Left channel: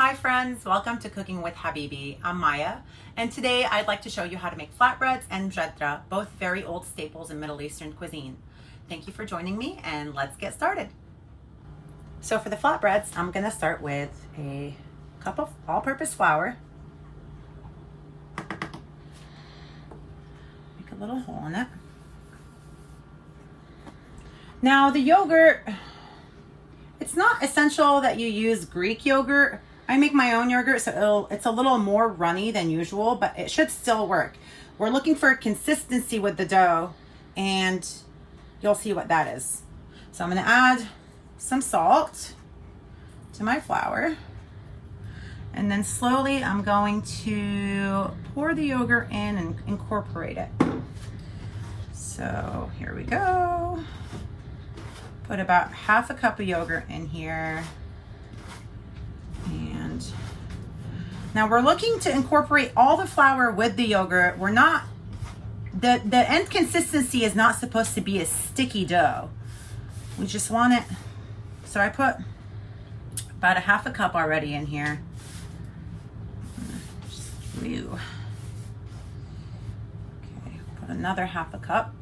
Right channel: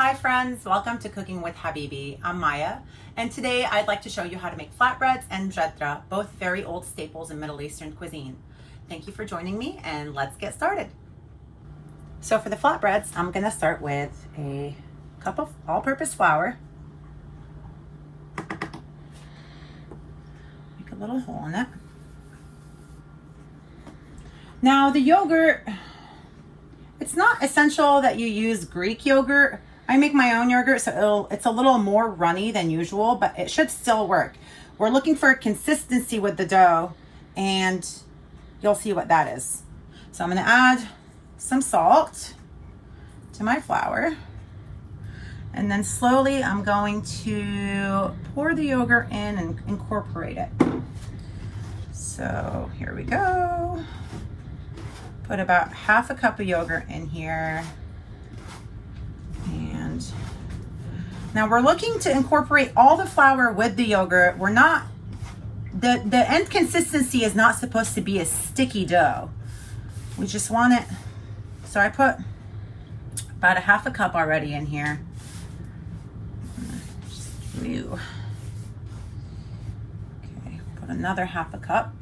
Hi friends, welcome to Cooking with Habibi. I'm Maya, and today I'd like to show you how to make flatbreads and Mujaddara, both very old staples in Middle Eastern cuisine. Thank you for joining me, and let's get started. So for the flatbreads, I'm gonna start with a cup of all-purpose flour. Make a little hole in it. Now the yogurt, it's not essential that you use Greek yogurt. I make my own yogurt, so it's a little more runny than usual, but it should still work. We're looking for consistency with the dough, and you'll see what that is. So I'm gonna add some salt to my flour, and then slowly I'm going to pour the yogurt in and incorporate it. So here we go. Put about half a cup of yogurt in here. And now we're looking to incorporate all the flour with the yogurt. We're not, the end consistency is not supposed to be a sticky dough. We just want it, so I put about a half a cup already in here. Okay, put another half a cup.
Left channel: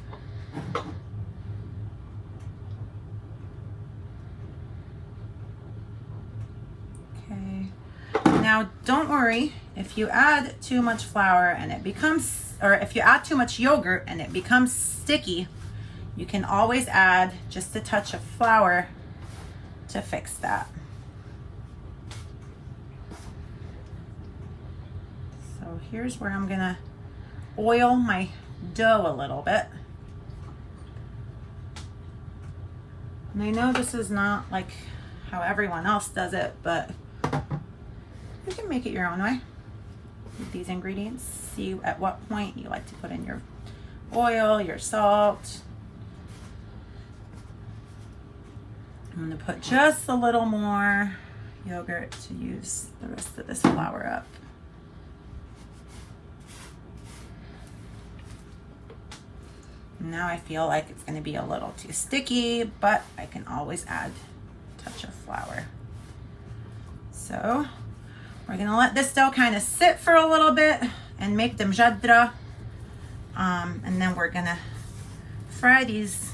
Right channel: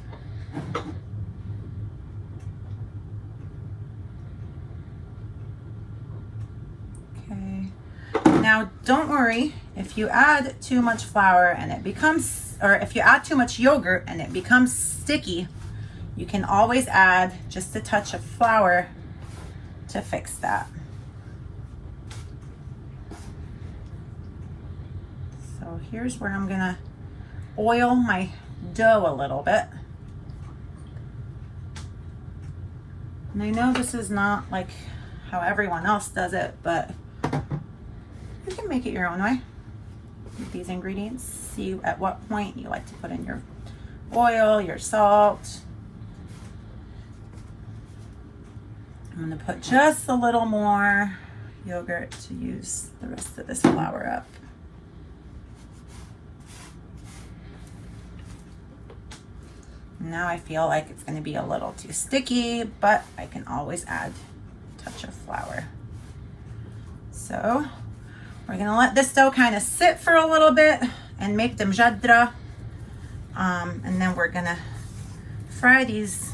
Now, don't worry if you add too much flour and it becomes, or if you add too much yogurt and it becomes sticky, you can always add just a touch of flour to fix that. So here's where I'm gonna oil my dough a little bit. And I know this is not like how everyone else does it, but you can make it your own way with these ingredients. See at what point you like to put in your oil, your salt. I'm gonna put just a little more yogurt to use the rest of this flour up. Now I feel like it's gonna be a little too sticky, but I can always add a touch of flour. So we're gonna let this dough kind of sit for a little bit and make the Mujaddara. And then we're gonna fry these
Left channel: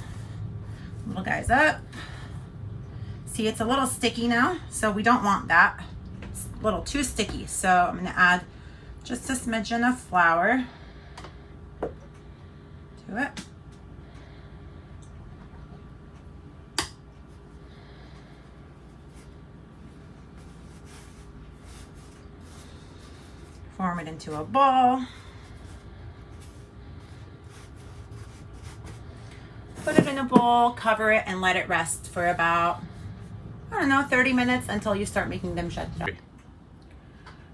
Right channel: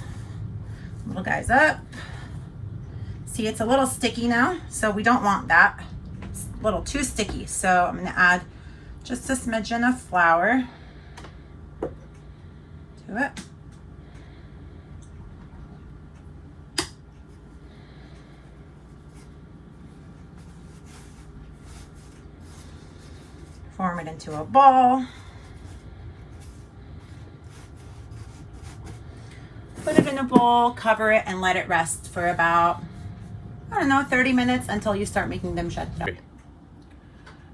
little guys up. See, it's a little sticky now, so we don't want that. It's a little too sticky. So I'm gonna add just a smidgen of flour to it. Form it into a ball. Put it in a bowl, cover it, and let it rest for about, I don't know, 30 minutes until you start making the Mujaddara.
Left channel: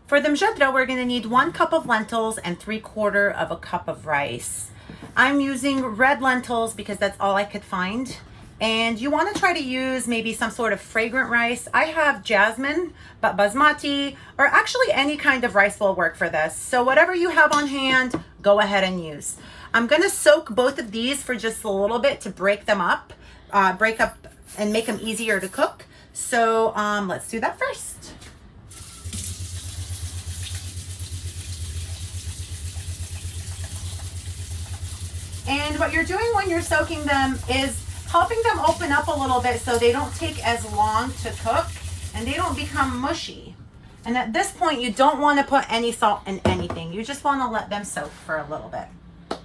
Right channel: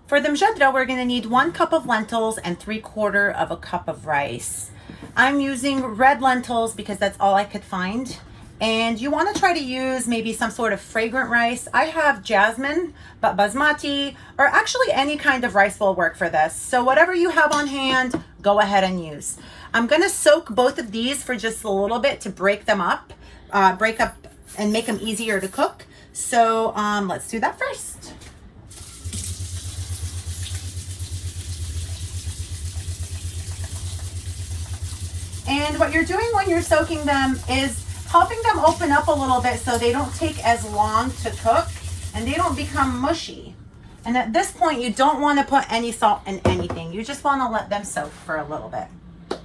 For the Mujaddara, we're gonna need 1 cup of lentils and 3/4 of a cup of rice. I'm using red lentils because that's all I could find. And you want to try to use maybe some sort of fragrant rice. I have jasmine, but basmati, or actually any kind of rice will work for this. So whatever you have on hand, go ahead and use. I'm going to soak both of these for just a little bit to break them up, and make them easier to cook. So let's do that first. And what you're doing when you're soaking them is helping them open up a little bit so they don't take as long to cook and they don't become mushy. And at this point, you don't want to put any salt in anything. You just want to let them soak for a little bit. A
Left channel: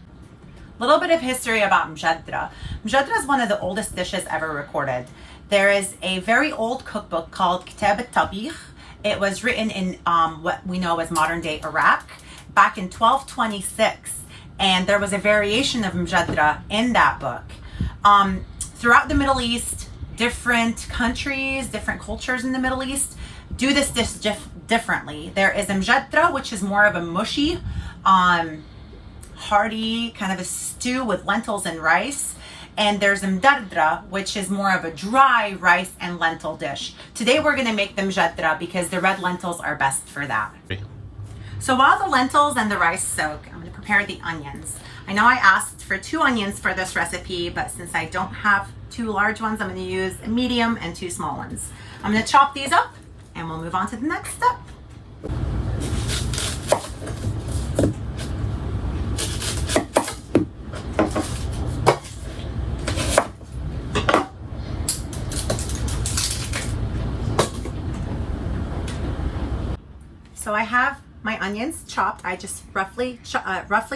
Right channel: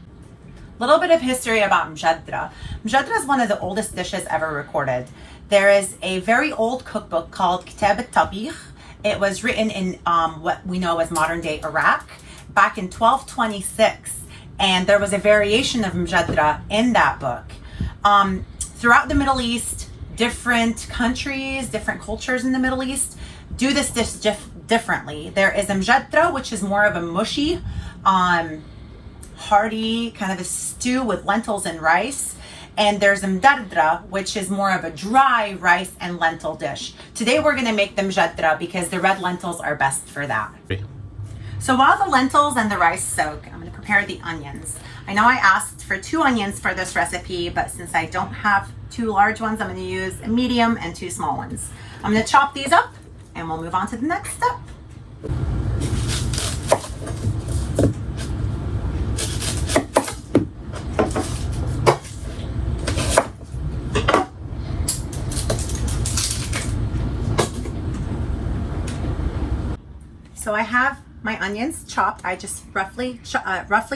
little bit of history about Mujaddara. Mujaddara is one of the oldest dishes ever recorded. There is a very old cookbook called Kitab al-Tabikh. It was written in what we know as modern day Iraq back in 1226. And there was a variation of Mujaddara in that book. Throughout the Middle East, different countries, different cultures in the Middle East do this dish differently. There is a Mujaddara, which is more of a mushy, hearty, kind of a stew with lentils and rice. And there's a Mujaddara, which is more of a dry rice and lentil dish. Today we're gonna make the Mujaddara because the red lentils are best for that. So while the lentils and the rice soak, I'm gonna prepare the onions. I know I asked for 2 onions for this recipe, but since I don't have 2 large ones, I'm gonna use a medium and 2 small ones. I'm gonna chop these up and we'll move on to the next step. So I have my onions chopped. I just roughly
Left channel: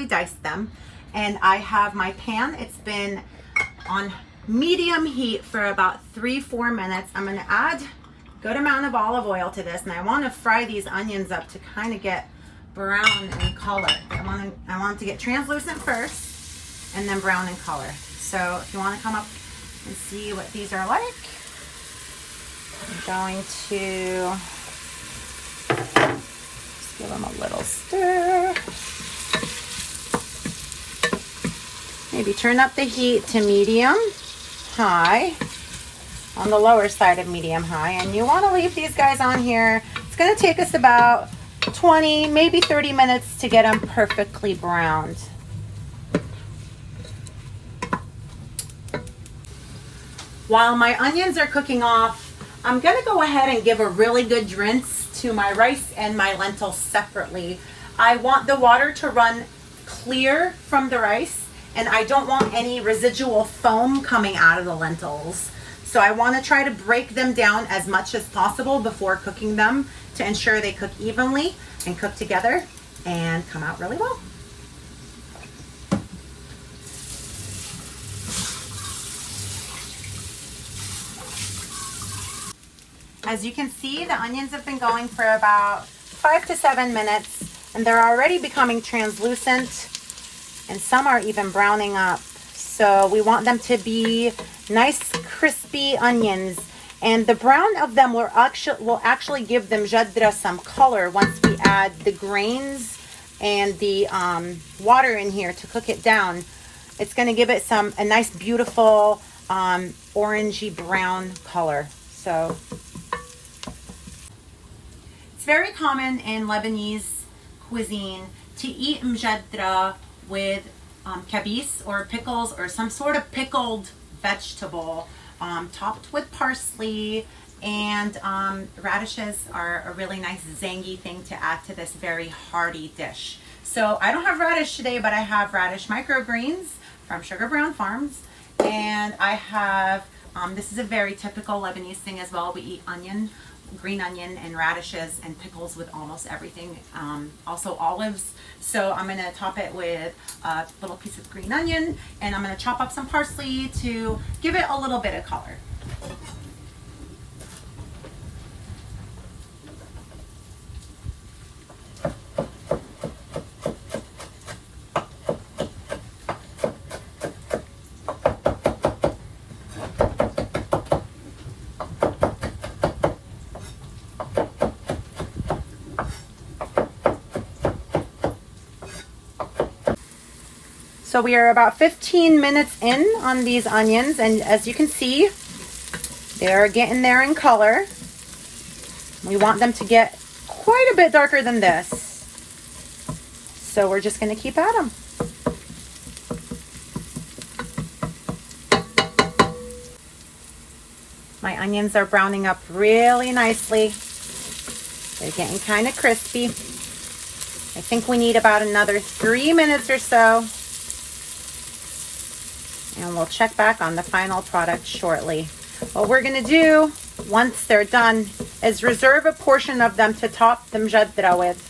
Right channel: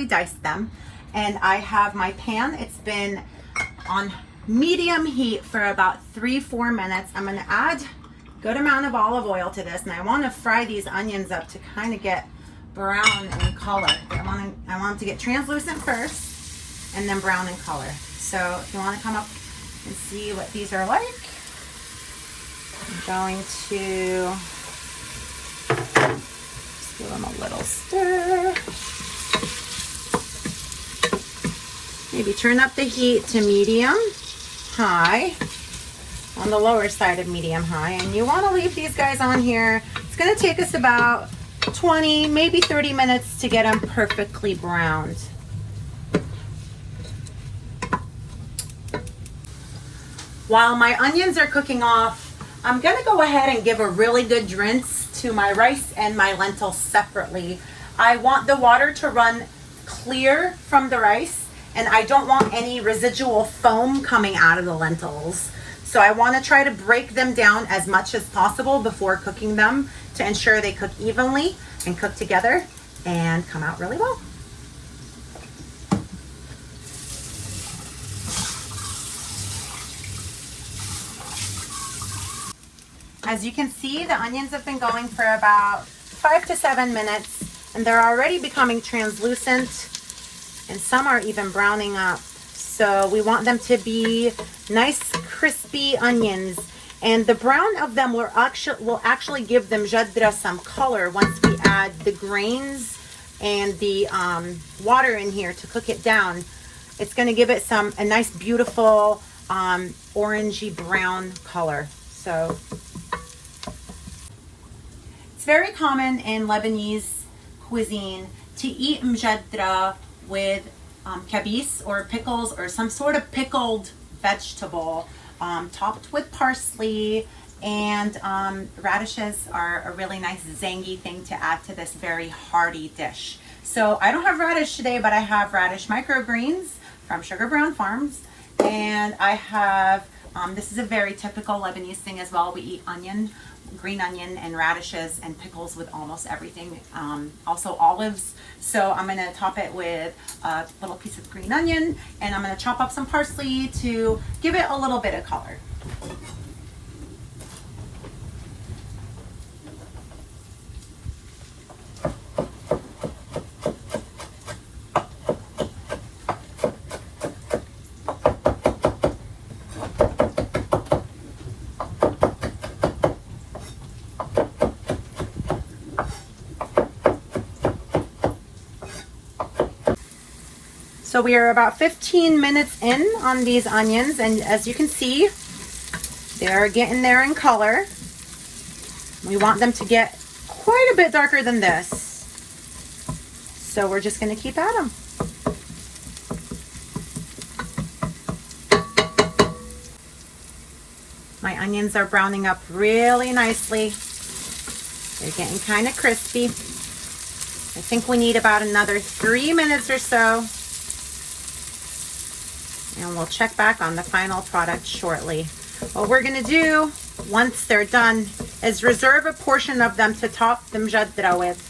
diced them. And I have my pan. It's been on medium heat for about 3-4 minutes. I'm gonna add a good amount of olive oil to this, and I wanna fry these onions up to kind of get brown in color. I want them to get translucent first and then brown in color. So if you wanna come up and see what these are like, I'm going to give them a little stir. Maybe turn up the heat to medium high, on the lower side of medium high. And you want to leave these guys on here. It's going to take us about 20, maybe 30 minutes to get them perfectly browned. While my onions are cooking off, I'm going to go ahead and give a really good rinse to my rice and my lentils separately. I want the water to run clear from the rice, and I don't want any residual foam coming out of the lentils. So I want to try to break them down as much as possible before cooking them to ensure they cook evenly and cook together and come out really well. As you can see, the onions have been going for about 5 to 7 minutes, and they're already becoming translucent, and some are even browning up. So we want them to be nice, crispy onions, and the brown of them will actually give the Mujadara some color once we add the grains and the water in here to cook it down. It's going to give it a nice, beautiful orangey brown color. So it's very common in Lebanese cuisine to eat Mujadara with kabis or pickles or some sort of pickled vegetable topped with parsley, and radishes are a really nice zangy thing to add to this very hearty dish. So I don't have radish today, but I have radish microgreens from Sugar Brown Farms, and I have this is a very typical Lebanese thing as well. We eat green onion and radishes and pickles with almost everything. Also olives. So I'm going to top it with a little piece of green onion, and I'm going to chop up some parsley to give it a little bit of color. So we are about 15 minutes in on these onions, and as you can see, they're getting there in color. We want them to get quite a bit darker than this. So we're just going to keep at them. My onions are browning up really nicely. They're getting kind of crispy. I think we need about another 3 minutes or so. And we'll check back on the final product shortly. What we're going to do once they're done is reserve a portion of them to top the Mujadara with.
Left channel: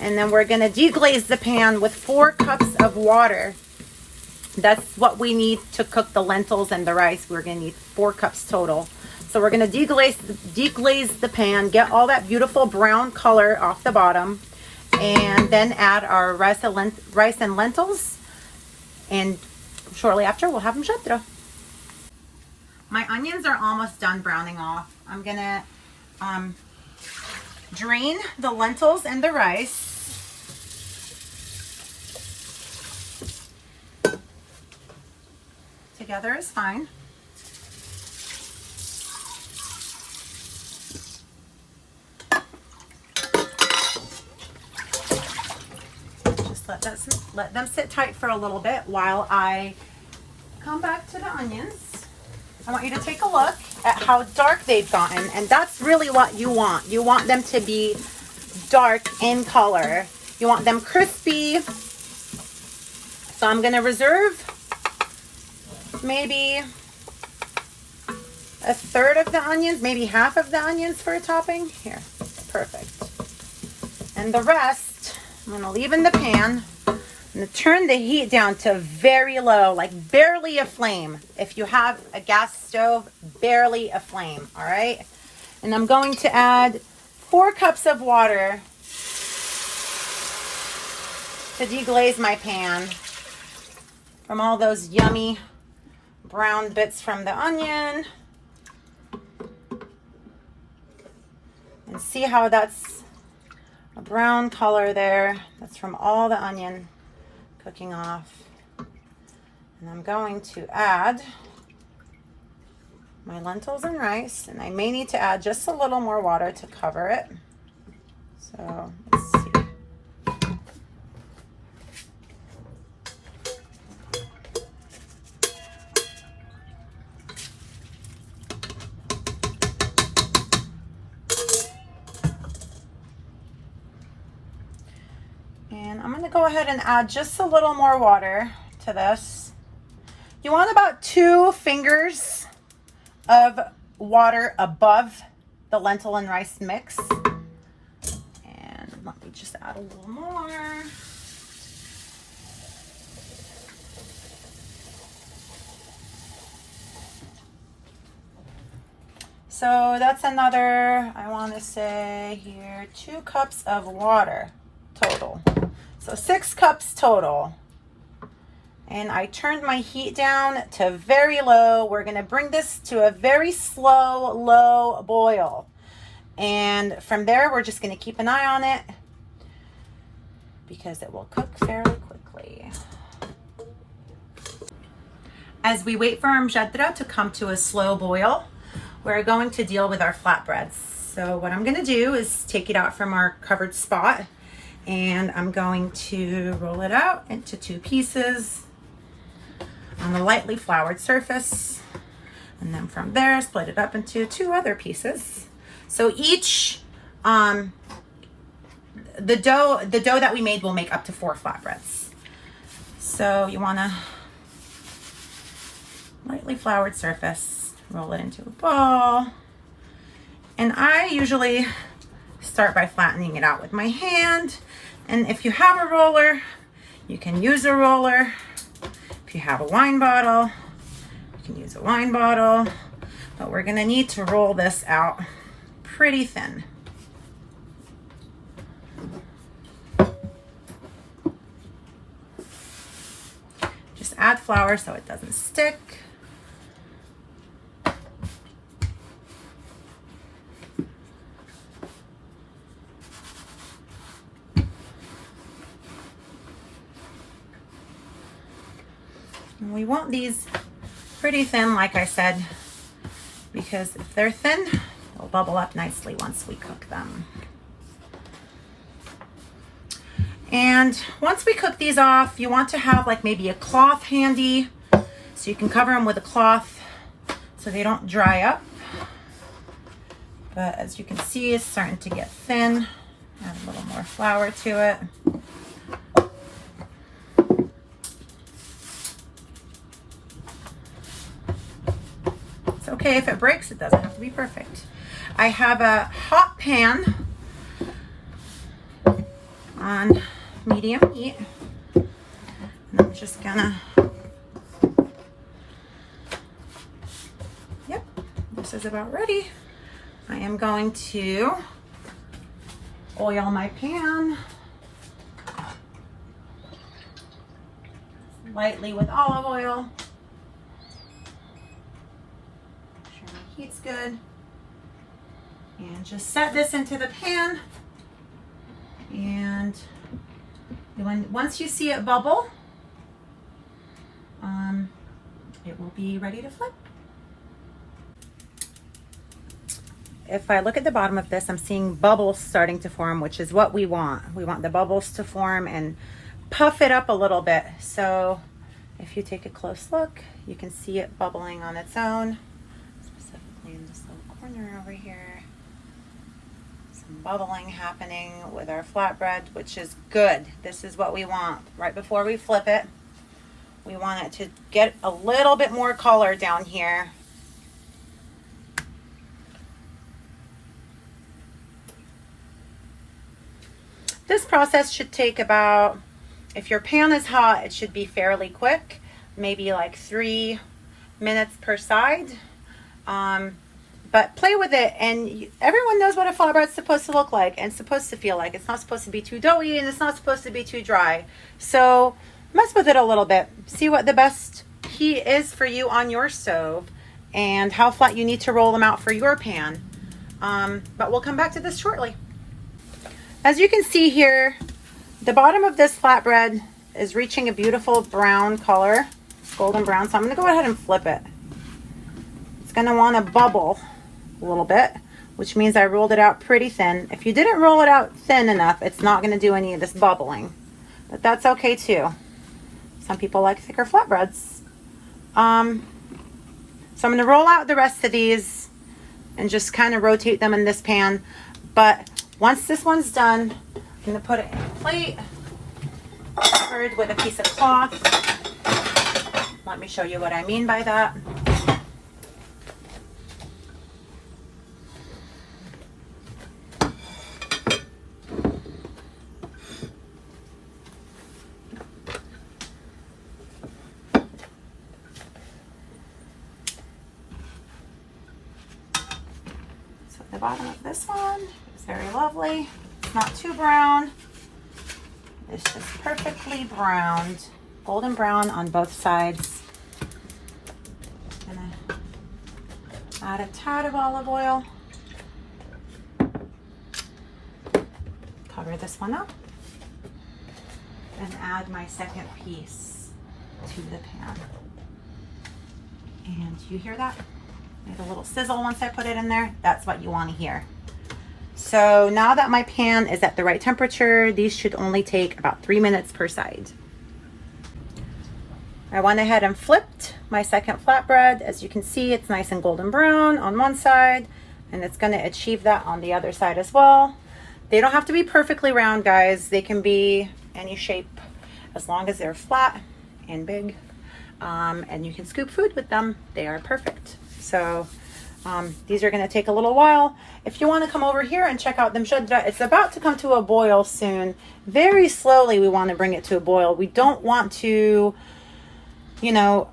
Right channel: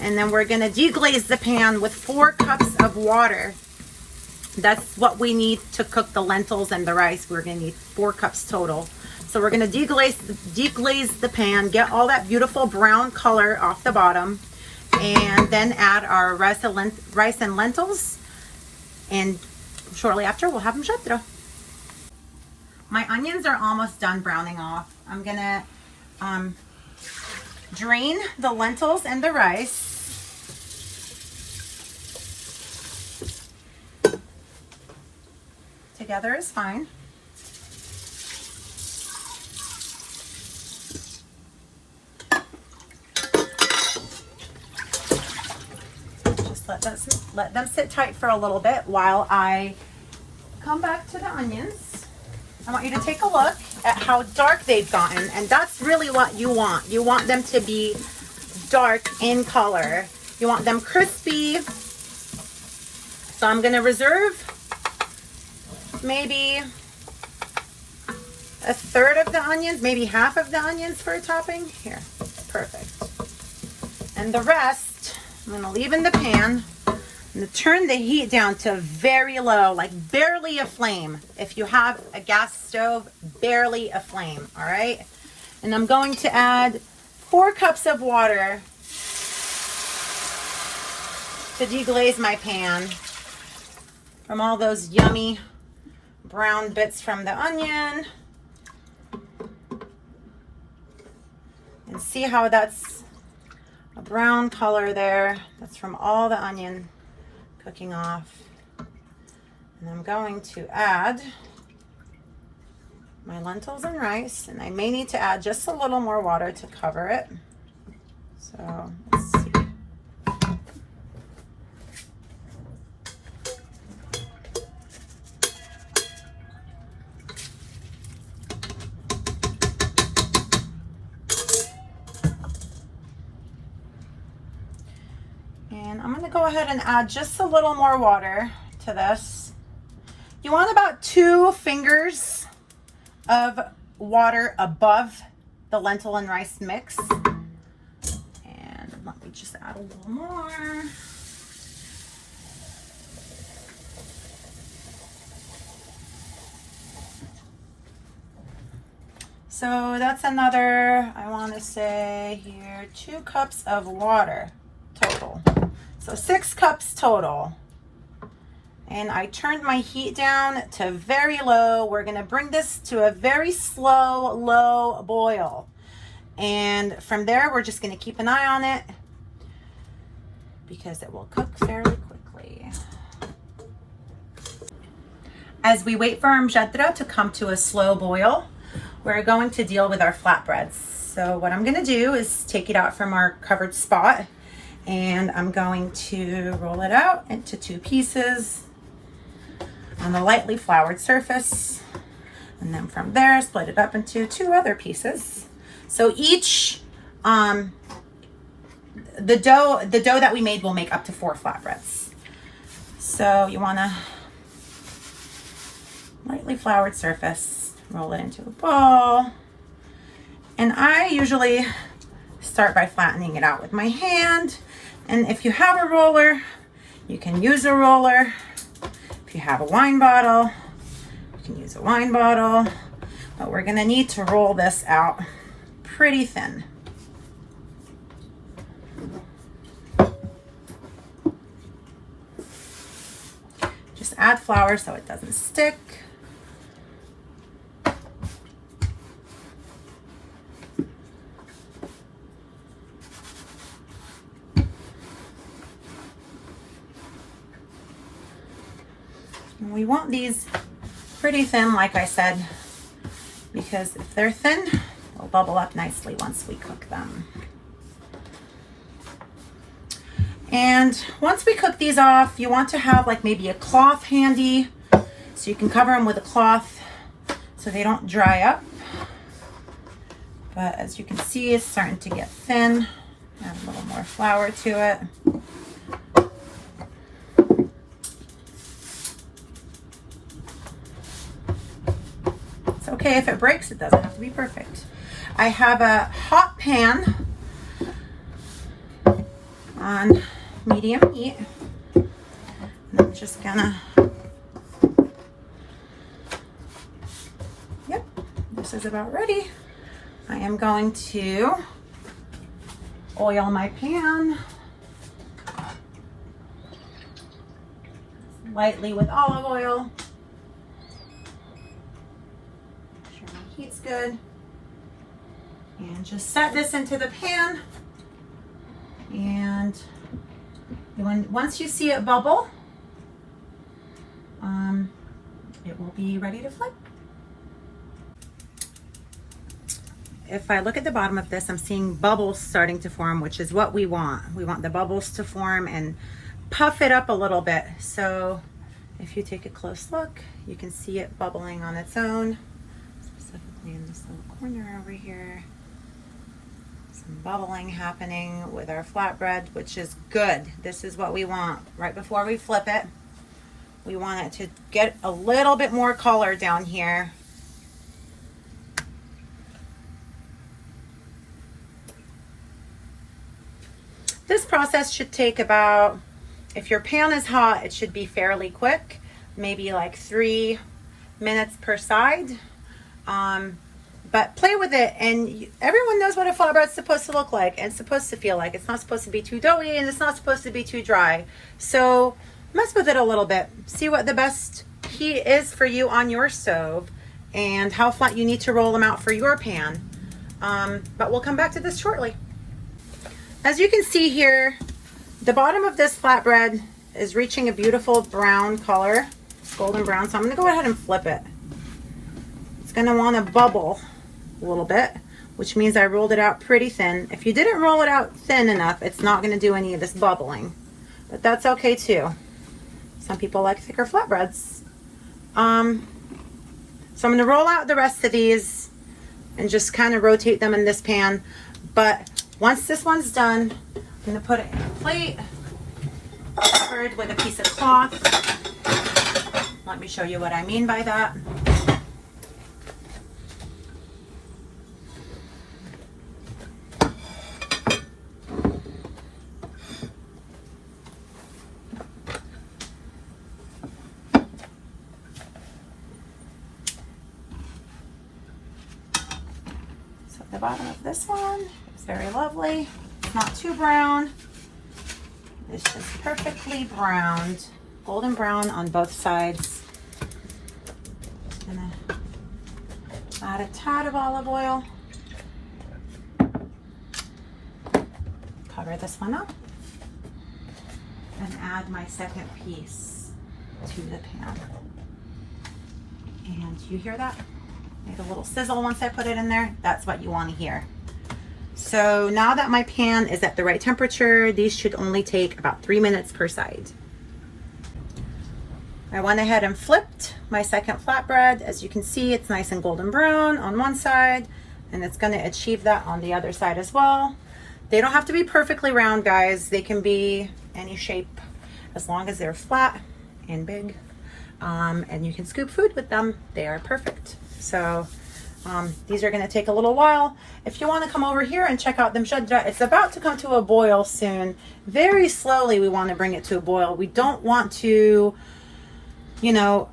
And then we're going to deglaze the pan with 4 cups of water. That's what we need to cook the lentils and the rice. We're going to need 4 cups total. So we're going to deglaze the pan, get all that beautiful brown color off the bottom, and then add our rice and lentils, and shortly after we'll have Mujadara. My onions are almost done browning off. I'm gonna drain the lentils and the rice. Together is fine. Just let them sit tight for a little bit while I come back to the onions. I want you to take a look. at how dark they've gotten, and that's really what you want. You want them to be dark in color. You want them crispy. So I'm gonna reserve maybe a third of the onions, maybe half of the onions for a topping. Here, perfect. And the rest, I'm gonna leave in the pan. I'm gonna turn the heat down to very low, like barely a flame. If you have a gas stove, barely a flame, all right? And I'm going to add 4 cups of water to deglaze my pan from all those yummy brown bits from the onion. And see how that's a brown color there? That's from all the onion cooking off. And I'm going to add my lentils and rice, and I may need to add just a little more water to cover it. So let's see. And I'm going to go ahead and add just a little more water to this. You want about 2 fingers of water above the lentil and rice mix. And let me just add a little more. So that's another, I want to say here, 2 cups of water total. So 6 cups total. And I turned my heat down to very low. We're going to bring this to a very slow, low boil. And from there, we're just going to keep an eye on it because it will cook fairly quickly. As we wait for our Mujaddara to come to a slow boil, we're going to deal with our flatbreads. So what I'm going to do is take it out from our covered spot, and I'm going to roll it out into 2 pieces on the lightly floured surface, and then from there split it up into 2 other pieces. So each the dough that we made will make up to 4 flatbreads. So you want to lightly floured surface, roll it into a ball, and I usually start by flattening it out with my hand. And if you have a roller, you can use a roller. If you have a wine bottle, you can use a wine bottle. But we're gonna need to roll this out pretty thin. Just add flour so it doesn't stick. And we want these pretty thin, like I said, because if they're thin, they'll bubble up nicely once we cook them. And once we cook these off, you want to have like maybe a cloth handy so you can cover them with a cloth so they don't dry up. But as you can see, it's starting to get thin. Add a little more flour to it. Okay, if it breaks, it doesn't have to be perfect. I have a hot pan on medium heat. And I'm just gonna, yep, this is about ready. I am going to oil my pan lightly with olive oil. Heat's good, and just set this into the pan, and once you see it bubble, it will be ready to flip. If I look at the bottom of this, I'm seeing bubbles starting to form, which is what we want. We want the bubbles to form and puff it up a little bit. So if you take a close look, you can see it bubbling on its own. in this little corner over here. Some bubbling happening with our flatbread, which is good. This is what we want. Right before we flip it, we want it to get a little bit more color down here. This process should take about, if your pan is hot, it should be fairly quick, maybe like 3 minutes per side. But play with it, and everyone knows what a flatbread's supposed to look like and supposed to feel like. It's not supposed to be too doughy and it's not supposed to be too dry. So mess with it a little bit. See what the best heat is for you on your stove and how flat you need to roll them out for your pan. But we'll come back to this shortly. As you can see here, the bottom of this flatbread is reaching a beautiful brown color, golden brown. So I'm gonna go ahead and flip it. It's gonna wanna bubble a little bit, which means I rolled it out pretty thin. If you didn't roll it out thin enough, it's not gonna do any of this bubbling, but that's okay too. Some people like thicker flatbreads. So I'm gonna roll out the rest of these and just kind of rotate them in this pan. But once this one's done, I'm gonna put it in a plate, covered with a piece of cloth. Let me show you what I mean by that. So the bottom of this one is very lovely. It's not too brown. It's just perfectly browned, golden brown on both sides. Gonna add a tad of olive oil. Cover this one up and add my second piece to the pan. And you hear that? Make a little sizzle once I put it in there. That's what you want to hear. So now that my pan is at the right temperature, these should only take about 3 minutes per side. I went ahead and flipped my second flatbread. As you can see, it's nice and golden brown on one side, and it's going to achieve that on the other side as well. They don't have to be perfectly round, guys. They can be any shape as long as they're flat and big, and you can scoop food with them. They are perfect. So these are going to take a little while. If you want to come over here and check out the Mujadara, it's about to come to a boil soon. Very slowly we want to bring it to a boil. We don't want to, you know,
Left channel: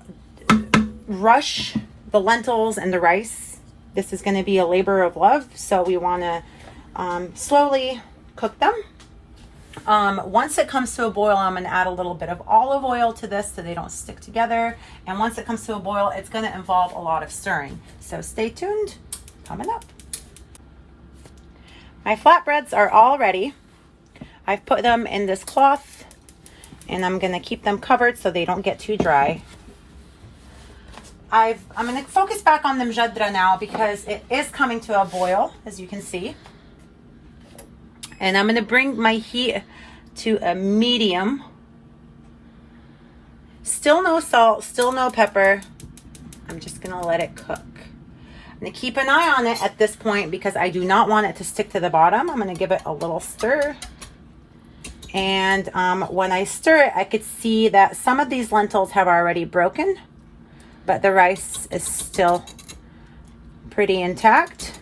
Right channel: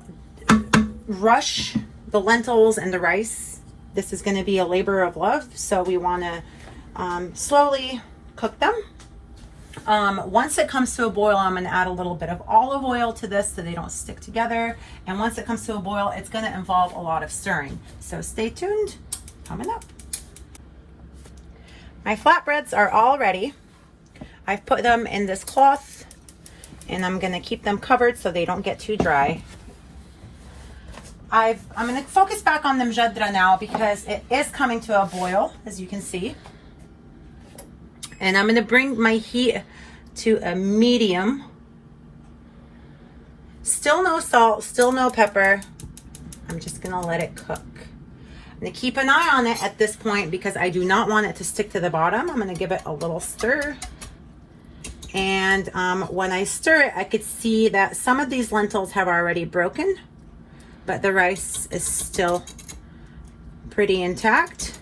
rush the lentils and the rice. This is going to be a labor of love, so we want to slowly cook them. Once it comes to a boil, I'm going to add a little bit of olive oil to this so they don't stick together. And once it comes to a boil, it's going to involve a lot of stirring. So stay tuned, coming up. My flatbreads are all ready. I've put them in this cloth and I'm going to keep them covered so they don't get too dry. I'm going to focus back on the Mujadara now because it is coming to a boil, as you can see. And I'm going to bring my heat to a medium. Still no salt, still no pepper. I'm just going to let it cook. I'm going to keep an eye on it at this point because I do not want it to stick to the bottom. I'm going to give it a little stir. And when I stir it, I could see that some of these lentils have already broken, but the rice is still pretty intact.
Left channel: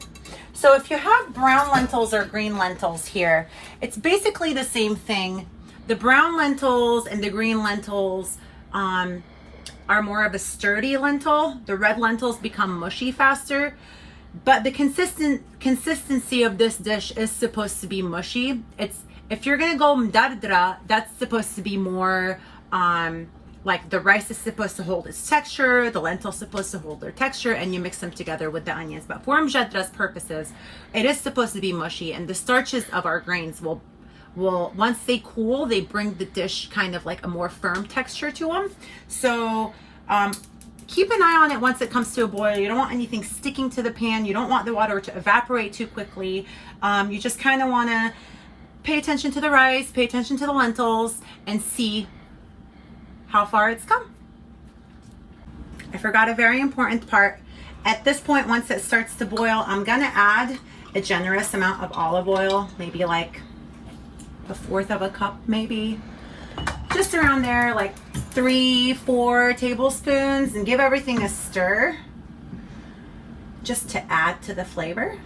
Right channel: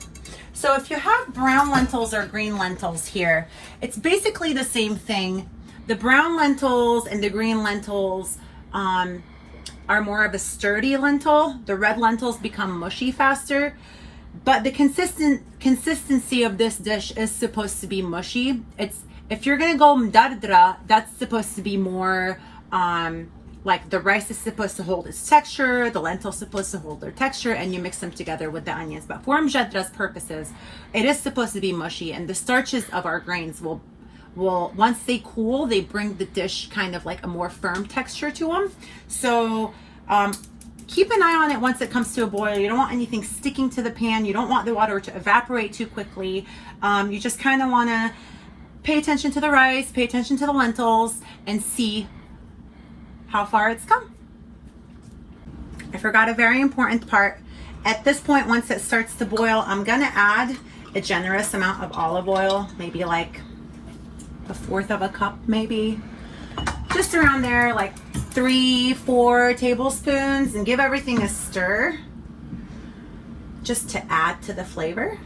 So if you have brown lentils or green lentils here, it's basically the same thing. The brown lentils and the green lentils are more of a sturdy lentil. The red lentils become mushy faster, but the consistency of this dish is supposed to be mushy. If you're gonna go Mujaddara, that's supposed to be more like the rice is supposed to hold its texture, the lentils supposed to hold their texture, and you mix them together with the onions. But for Mujaddara's purposes, it is supposed to be mushy, and the starches of our grains will once they cool, they bring the dish kind of like a more firm texture to them. So keep an eye on it once it comes to a boil. You don't want anything sticking to the pan. You don't want the water to evaporate too quickly. You just kind of want to pay attention to the rice, pay attention to the lentils, and see how far it's come. I forgot a very important part. At this point, once it starts to boil, I'm gonna add a generous amount of olive oil, maybe like a fourth of a cup, maybe. Just around there, like 3-4 tablespoons, and give everything a stir just to add to the flavor.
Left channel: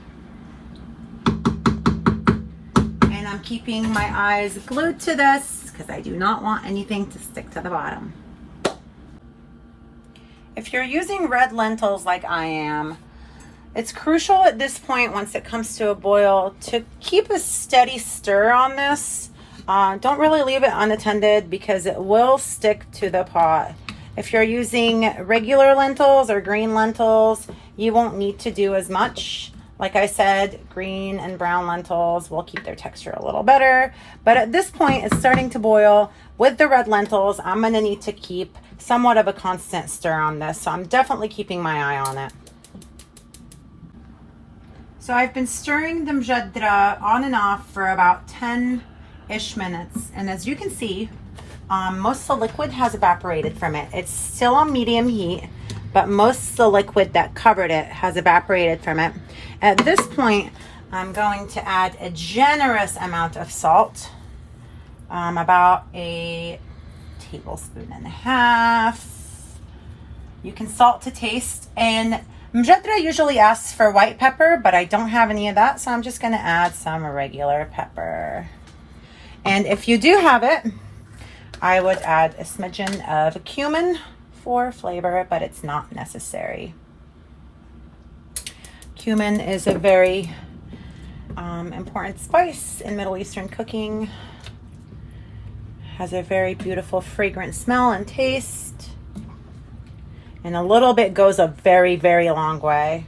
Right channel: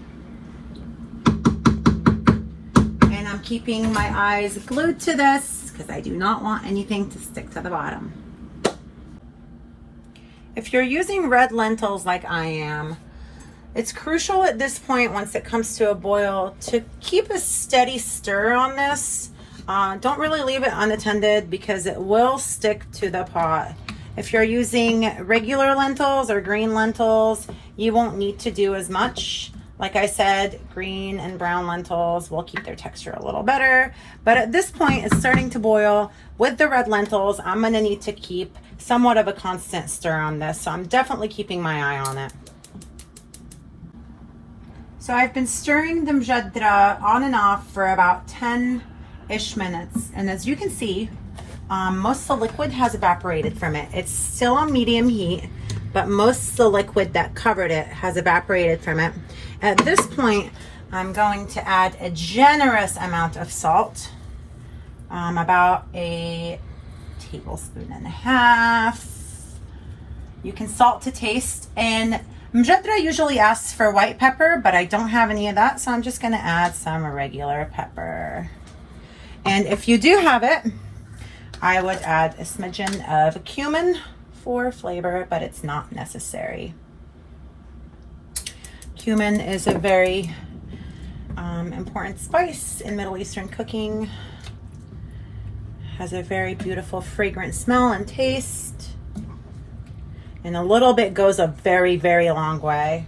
And I'm keeping my eyes glued to this because I do not want anything to stick to the bottom. If you're using red lentils like I am, it's crucial at this point, once it comes to a boil, to keep a steady stir on this. Don't really leave it unattended because it will stick to the pot. If you're using regular lentils or green lentils, you won't need to do as much. Like I said, green and brown lentils will keep their texture a little better. But at this point, it's starting to boil. With the red lentils, I'm gonna need to keep somewhat of a constant stir on this. So I'm definitely keeping my eye on it. So I've been stirring the Mujadara on and off for about 10-ish minutes. And as you can see, most of the liquid has evaporated from it. It's still on medium heat, but most of the liquid that covered it has evaporated from it. At this point, I'm going to add a generous amount of salt, about a tablespoon and a half. You can salt to taste, and Mujadara usually asks for white pepper, but I don't have any of that, so I'm just gonna add some regular pepper. And if you do have it, I would add a smidgen of cumin for flavor, but it's not necessary. Cumin is a very important spice in Middle Eastern cooking. Has a very beautiful fragrant smell and taste. And a little bit goes a very, very long way.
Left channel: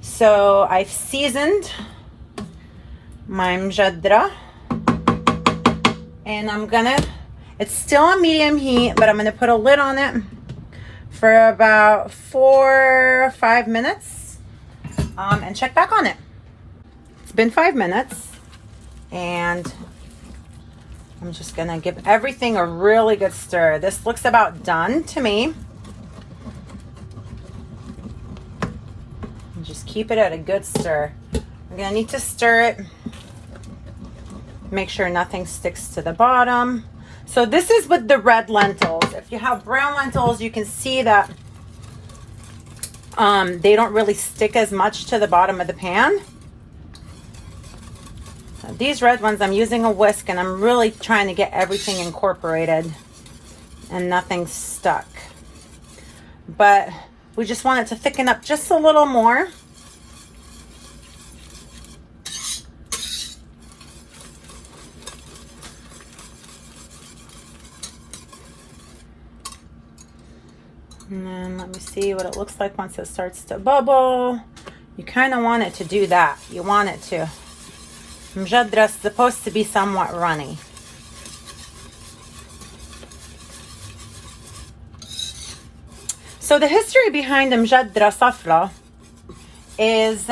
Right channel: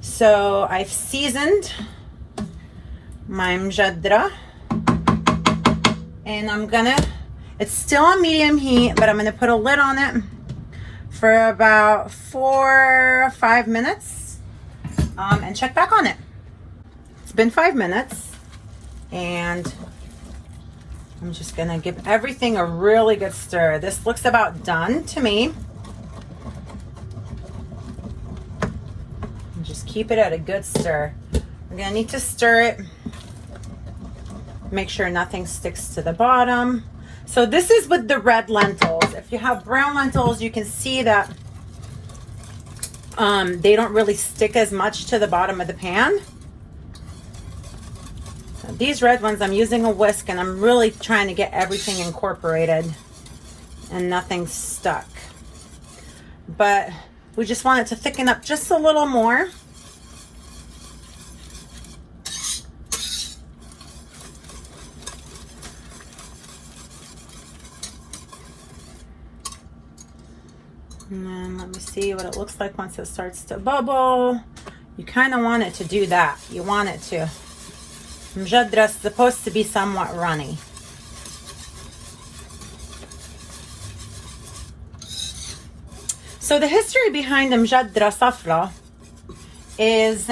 So I've seasoned my Mujadara, and I'm gonna, it's still on medium heat, but I'm gonna put a lid on it for about 4 or 5 minutes, and check back on it. It's been 5 minutes, and I'm just gonna give everything a really good stir. This looks about done to me. And just keep it at a good stir. We're gonna need to stir it. Make sure nothing sticks to the bottom. So this is with the red lentils. If you have brown lentils, you can see that they don't really stick as much to the bottom of the pan. So these red ones, I'm using a whisk, and I'm really trying to get everything incorporated and nothing stuck. But we just want it to thicken up just a little more. And then let me see what it looks like once it starts to bubble. You kind of want it to do that. You want it to. Mujadara is supposed to be somewhat runny. So the history behind the Mujadara Safra is,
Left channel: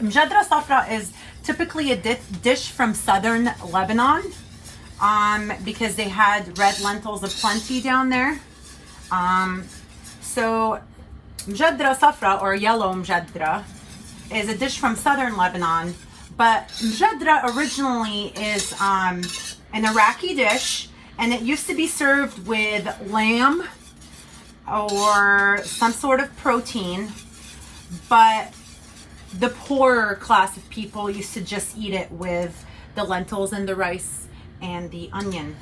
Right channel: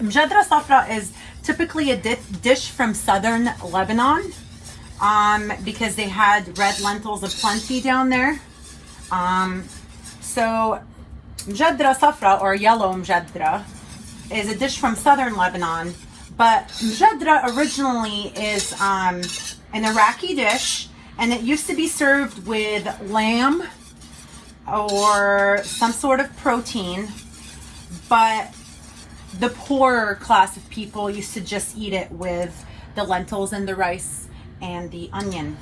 Mujadara Safra is typically a dish from southern Lebanon, because they had red lentils aplenty down there. So Mujadara Safra, or yellow Mujadara, is a dish from southern Lebanon, but Mujadara originally is an Iraqi dish, and it used to be served with lamb or some sort of protein, but the poorer class of people used to just eat it with the lentils and the rice and the onion.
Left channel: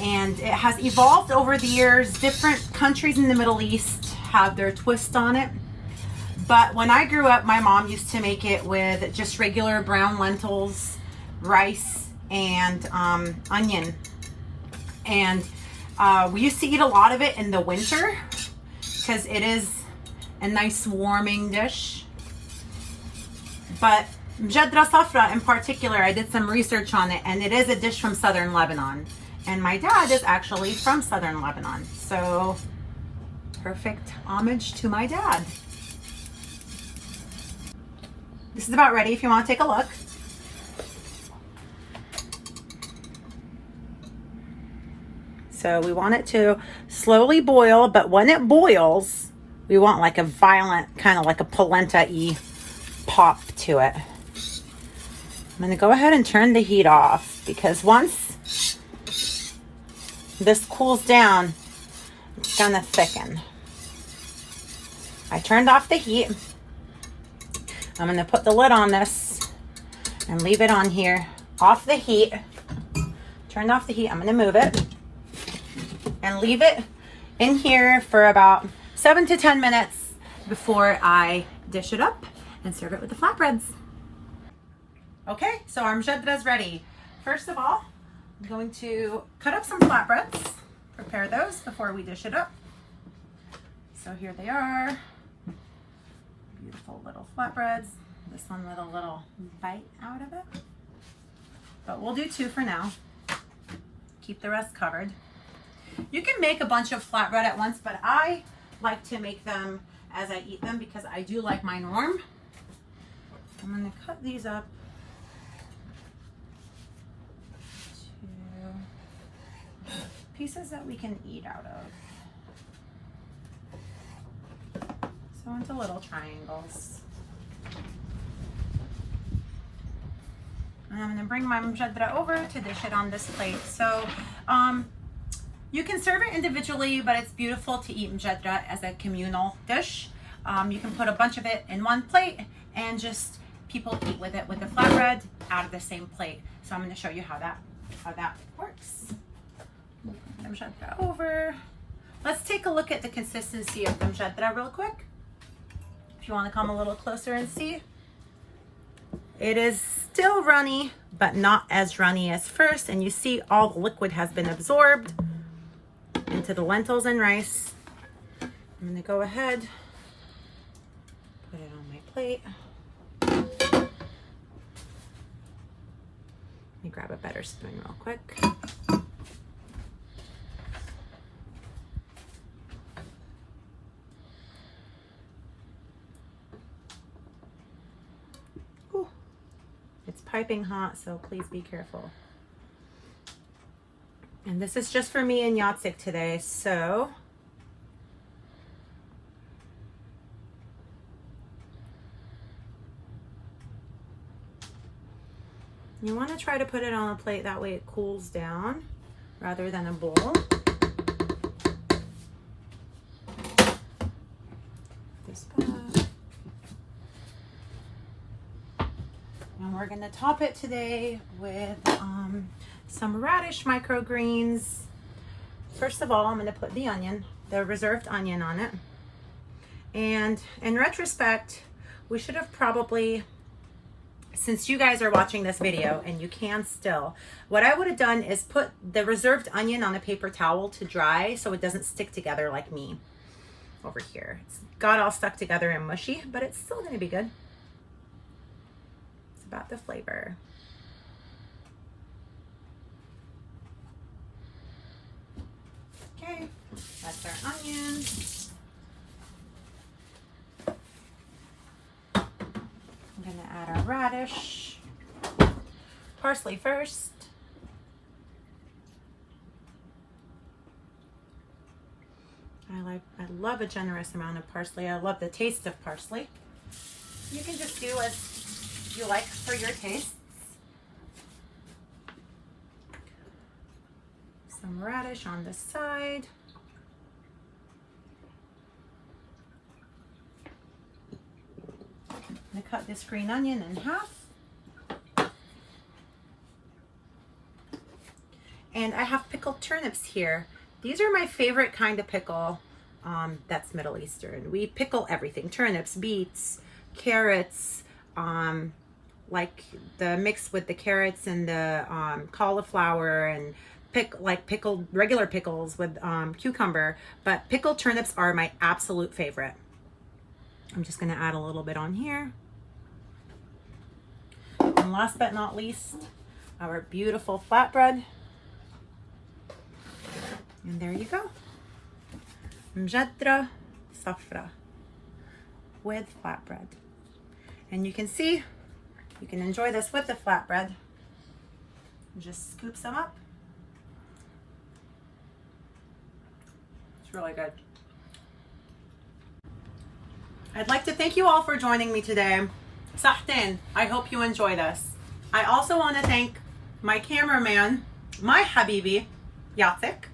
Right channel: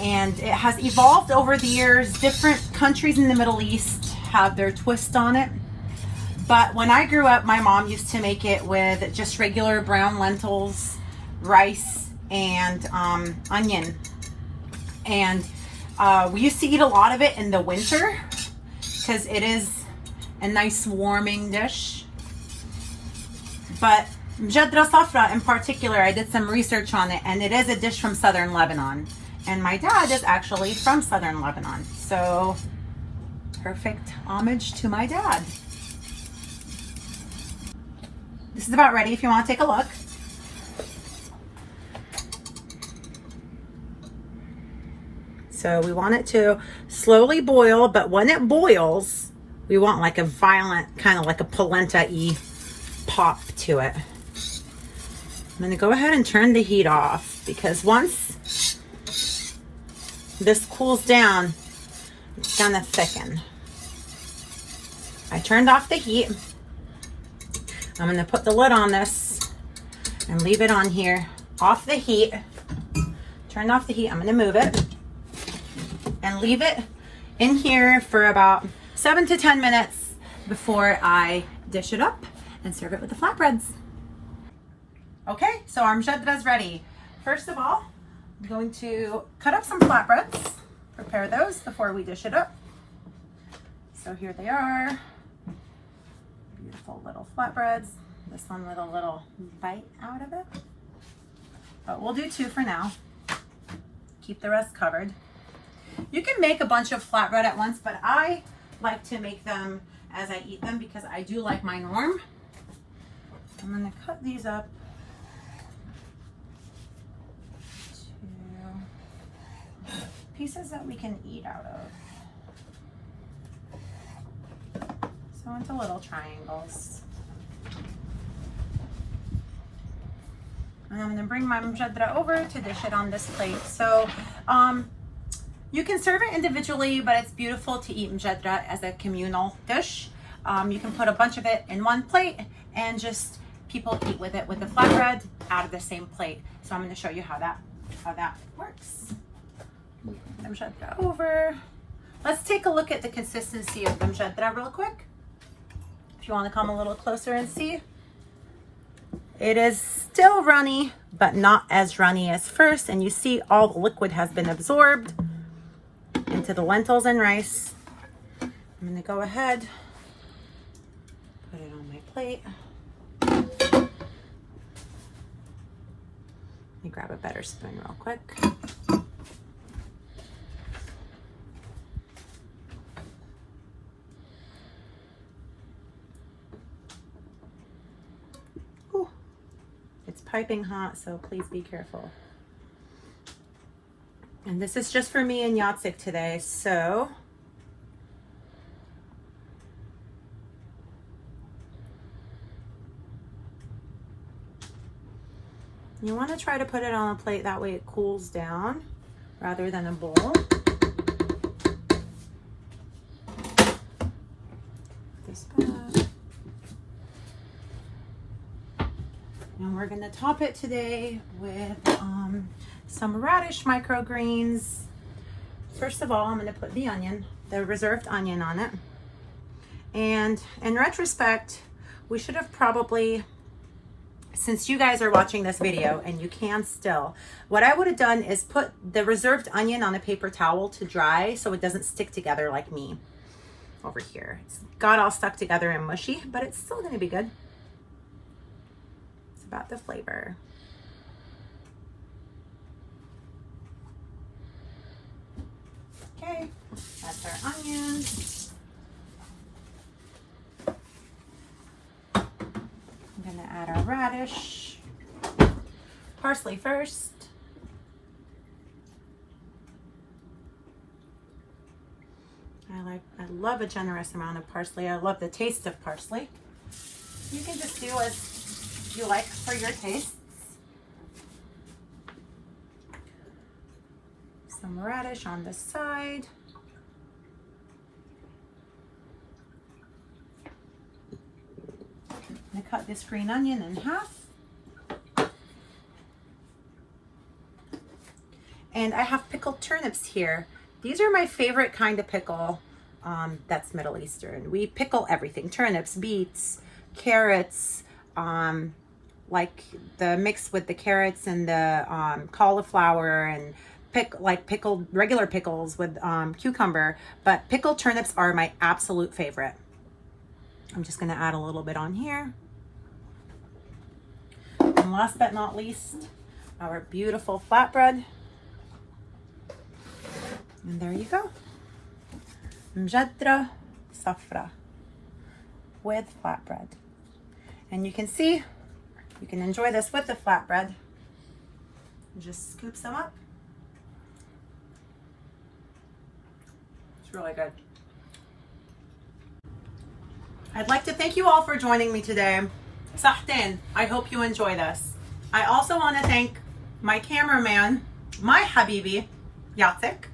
And it has evolved over the years. Different countries in the Middle East have their twist on it. But when I grew up, my mom used to make it with just regular brown lentils, rice, and onion. And we used to eat a lot of it in the winter because it is a nice warming dish. But Mujadara Safra in particular, I did some research on it, and it is a dish from southern Lebanon. And my dad is actually from southern Lebanon. So perfect homage to my dad. This is about ready if you want to take a look. So we want it to slowly boil, but when it boils, We want like a violent, kind of like a polenta-y pop to it. I'm gonna go ahead and turn the heat off because once this cools down, it's gonna thicken. I turned off the heat. I'm gonna put the lid on this and leave it on here, off the heat. Turned off the heat, I'm gonna move it and leave it in here for about 7 to 10 minutes before I dish it up and serve it with the flatbreads. Okay, so our Mujaddara is ready. First of all, I'm going to cut up some flatbreads, prepare those before we dish it up. So here they are, beautiful little flatbreads. This one with a little bite out of it, but we'll do 2 for now. Keep the rest covered. You can make a bunch of flatbread at once, but I like to make them as I eat them because I do like mine warm. I'm gonna cut these up to pieces that we can eat out of. So into little triangles. And I'm gonna bring my Mujaddara over to dish it on this plate. So you can serve it individually, but it's beautiful to eat Mujaddara as a communal dish. You can put a bunch of it in one plate and just people eat with it with the flatbread out of the same plate. So I'm gonna show you how that works. Bring the Mujaddara over. Let's take a look at the consistency of the Mujaddara real quick. If you wanna come a little closer and see. It is still runny, but not as runny as first. And you see all the liquid has been absorbed into the lentils and rice. I'm gonna go ahead, put it on my plate. Let me grab a better spoon real quick. Ooh, it's piping hot, so please be careful. And this is just for me and Yatsik today, so you want to try to put it on a plate, that way it cools down rather than a bowl. This back. And we're going to top it today with some radish microgreens. First of all, I'm going to put the onion, the reserved onion on it. And in retrospect, we should have probably, since you guys are watching this video and you can still, what I would have done is put the reserved onion on a paper towel to dry so it doesn't stick together like me over here. It's got all stuck together and mushy, but it's still going to be good. It's about the flavor. Okay, that's our onions. I'm gonna add our radish, parsley first. I love a generous amount of parsley. I love the taste of parsley. You can just do as you like for your tastes. Some radish on the side. I'm gonna cut this green onion in half. And I have pickled turnips here. These are my favorite kind of pickle that's Middle Eastern. We pickle everything, turnips, beets, carrots, like the mix with the carrots and the cauliflower, and pickled regular pickles with cucumber, but pickled turnips are my absolute favorite. I'm just gonna add a little bit on here. And last but not least, our beautiful flatbread. And there you go. Mujadara Safra with flatbread. And you can see, you can enjoy this with the flatbread. Just scoop some up. It's really good. I'd like to thank you all for joining me today. Sahtin, I hope you enjoy this. I also want to thank my cameraman, my Habibi, Yatik,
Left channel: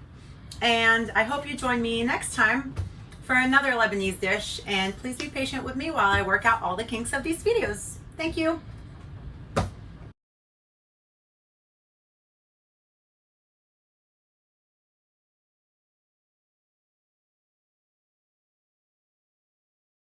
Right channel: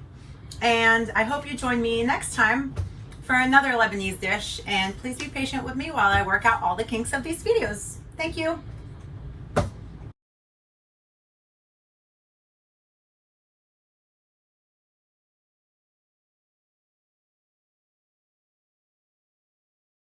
and I hope you join me next time for another Lebanese dish, and please be patient with me while I work out all the kinks of these videos. Thank you.